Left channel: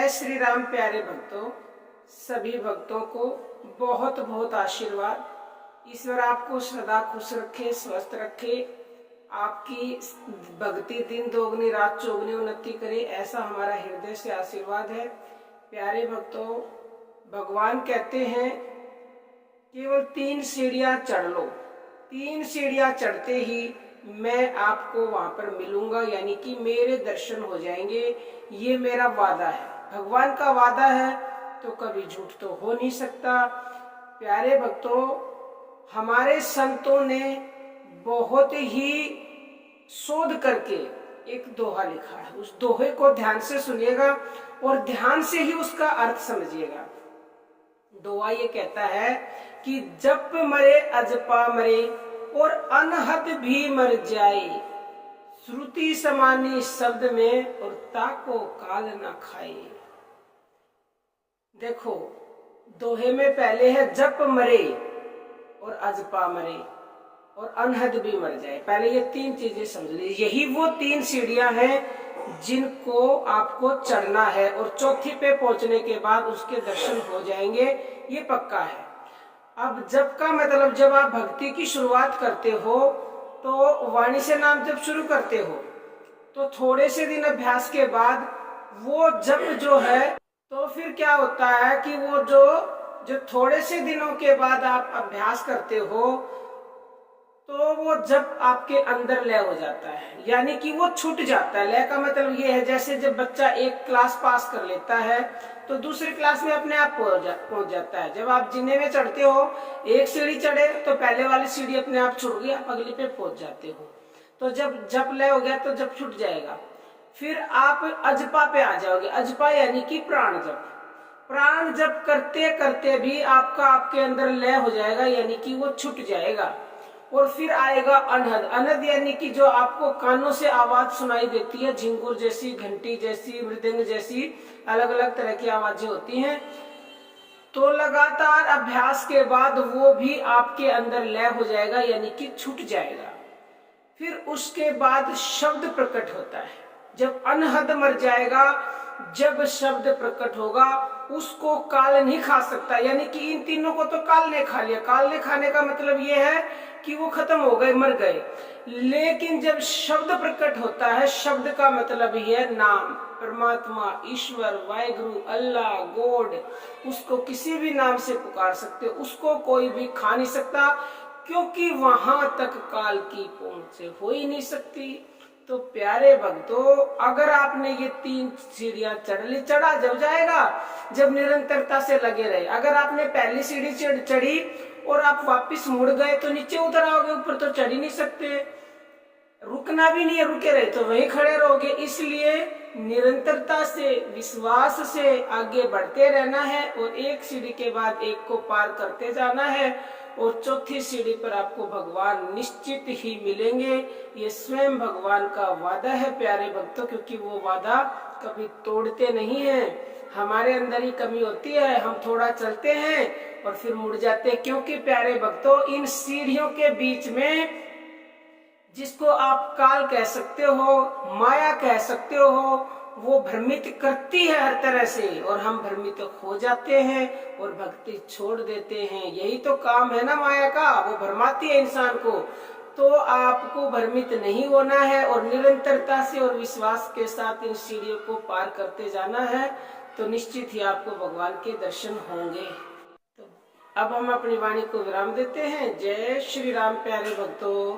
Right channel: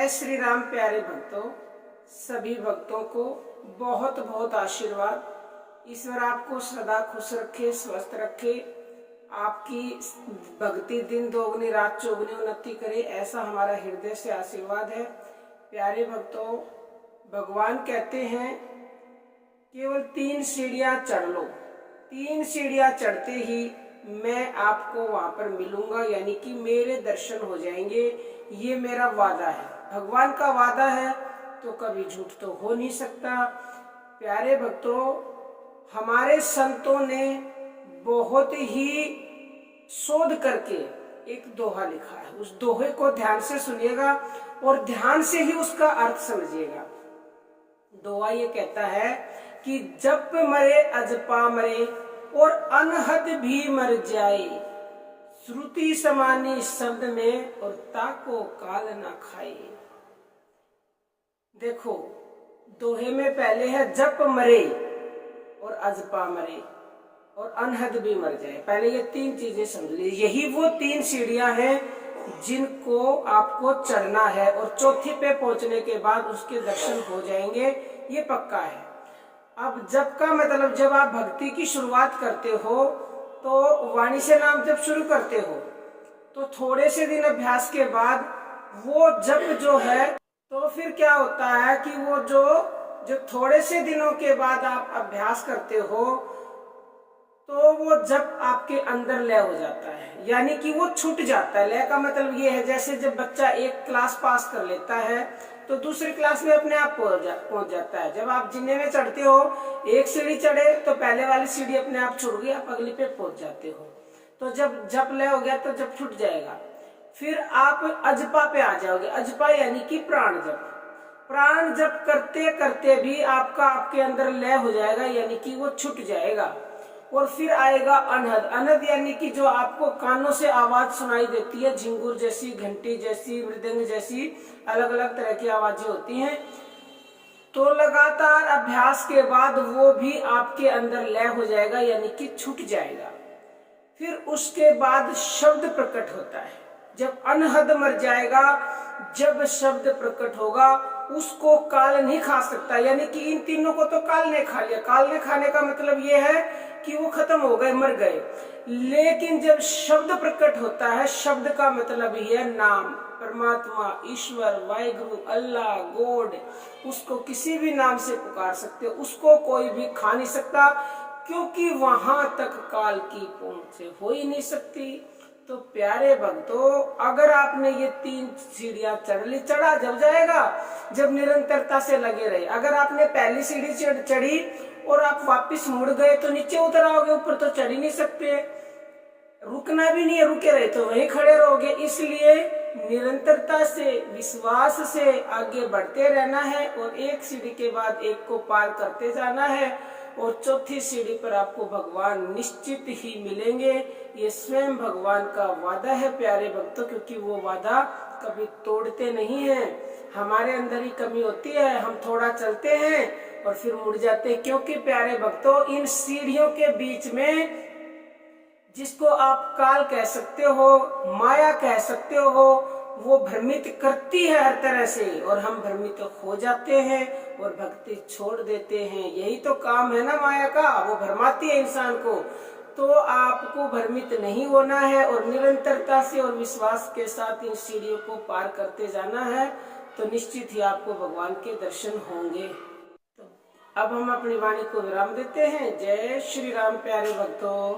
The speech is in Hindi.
जय श्री राम। प्यारे भक्तों, सभी भक्तों को बहुत बहुत आशीर्वाद। ईश्वर आपको सदा खुश रखे, स्वस्थ रखे, आपकी भक्ति दिन दोगुनी रात चौगुनी उन्नति करे, ऐसा हमारा हृदय से आशीर्वाद है। प्यारे भक्तों, भगवान कहते हैं केवल 3 सीढ़ियां चढ़ लो, 3 सीढ़ियां चढ़ते ही मैं आपको वहां पर मिलूंगा, यानी कि मेरे दर्शन हो जाएंगे। ये मेरा वादा है, भगवान का वादा है तो कभी झूठ तो हो नहीं सकता। प्यारे भक्तों, हमारे संतों ने बहुत ही शोध करके एक दोहा लिखा है। उस दोहे को ध्यान से सुनिएगा और ध्यान से ही उसका अर्थ समझिएगा। दोहा ये कहता है कि जप मरे अजपा मरे और अनहद भी मर जाए, श्रुति समानी शब्द में और ताको काल ना खाए। देखो, दोहे में पहले है जप मरे और अजपा मरे और अनहद भी मर जाए। पहले ये 3 चीजें समझ लीजिए। यही वो 3 सीढ़ियां हैं जिनको आपको चढ़ना है और चौथी पे पहुंचने के बाद उसके दर्शन हो जाएंगे, ये पक्का है। अब जप का मतलब, जब आप भक्ति की शुरुआत करते हो तो वाणी से नाम जप शुरू करते हो, तो थोड़े से दिन अभ्यास के बाद वो जप जो है, तो फिर क्या होता है कि वो जो थोड़े से दिनों के बाद आप अभ्यास करते हो तो वो जप आपके अंदर लय हो जाता है, यानी कि वो छूट जाता है। लय का मतलब ये है, जैसे जब बच्चा एक क्लास पास कर लेता है तो दूसरी क्लास में अपने आप पहुंच जाता है। जब आप जीने में चढ़ते हो, एक सीढ़ी चढ़े तो पहले वाली सीढ़ी अपने आप छूट गई, आप अगली पे पहुंच जाते हो। तो जब जप लय हो गया तो जप छूट जाएगा, फिर आप अजपा पे आ जाओगे। अजपा यानी कि प्राण जप। प्राण जप करते करते भी आपके अंदर लय हो जाएगा, यानी कि वो छूट जाएगा। और फिर आएगा अनहद। अनहद यानी कि जो आपको कानों से आवाज सुनाई देती है, झिंगुर जैसी, घंटी जैसी, मृदंग जैसी अलग अलग तरह की आवाजें होती हैं। तो लगातार अभ्यास के बाद वो भी आपके अंदर लय हो जाएगा, यानी कि छूट जाएगा। फिर उसके बाद शब्द प्रकट होता है। जब अनहद मर जाएगा, जब शब्द प्रकट होगा, उसको काल नहीं खा सकता, यानी कि इन तीनों को तो काल ने खा लिया। काल ने खाने का मतलब ये है कि वो खत्म हो गए, मर गए। लेकिन जब शब्द प्रकट होता है, शब्द का मतलब ही है नाम, परमात्मा, ईश्वर, वाहिगुरु, अल्लाह, गॉड, उसको किसी भी नाम से पुकार सकते हो, उसको कोई भी खा नहीं सकता, क्योंकि वहां तक काल की पहुंच हो ही नहीं सकती। तो प्यारे भक्तों, अगर आपने ये 3 सीढ़ियां चढ़ ली, चढ़ा जब जाएगा जब निरंतरता से लगे रहे। अगर आपने पहली सीढ़ी चढ़ी और आप वापस मुड़ गए तो नीचे उतर आओगे, ऊपर तो चढ़ ही नहीं सकते। रुकना भी नहीं है, रुके रहे तो वहीं खड़े रहोगे। इसलिए निरंतरता से, विश्वास से आगे बढ़ते रहना है और एक सीढ़ी के बाद एक को पार करते जाना है। और चौथी सीढ़ी पर आपको भगवान निश्चित ही मिलेंगे। ये स्वयं भगवान का वादा है प्यारे भक्तों, क्योंकि वो वादा कभी तोड़ते नहीं हैं। हमारे अंदर ही कमी होती है, हम थोड़ा चलते हैं और फिर मुड़ जाते हैं। क्योंकि प्यारे भक्तों, इन सीढ़ियों के बीच में, जिसको आप काल कह सकते हो, माया कह सकते हो, वो भ्रमित करती है हर तरह से, और हम भ्रमित हो जाते हैं और भक्ति छोड़ देते हैं। यही तो काम है ना माया का, वो भरमाती है इंसान को। तो आपको भ्रमित नहीं होना है और निरंतरता से और विश्वास के साथ इन सीढ़ियों को पार करते जाना है, तो निश्चित ही आपको भगवान के दर्शन होंगे। तो अब हम अपनी वाणी को विराम देते हैं। जय श्री राम। प्यारे भक्तों।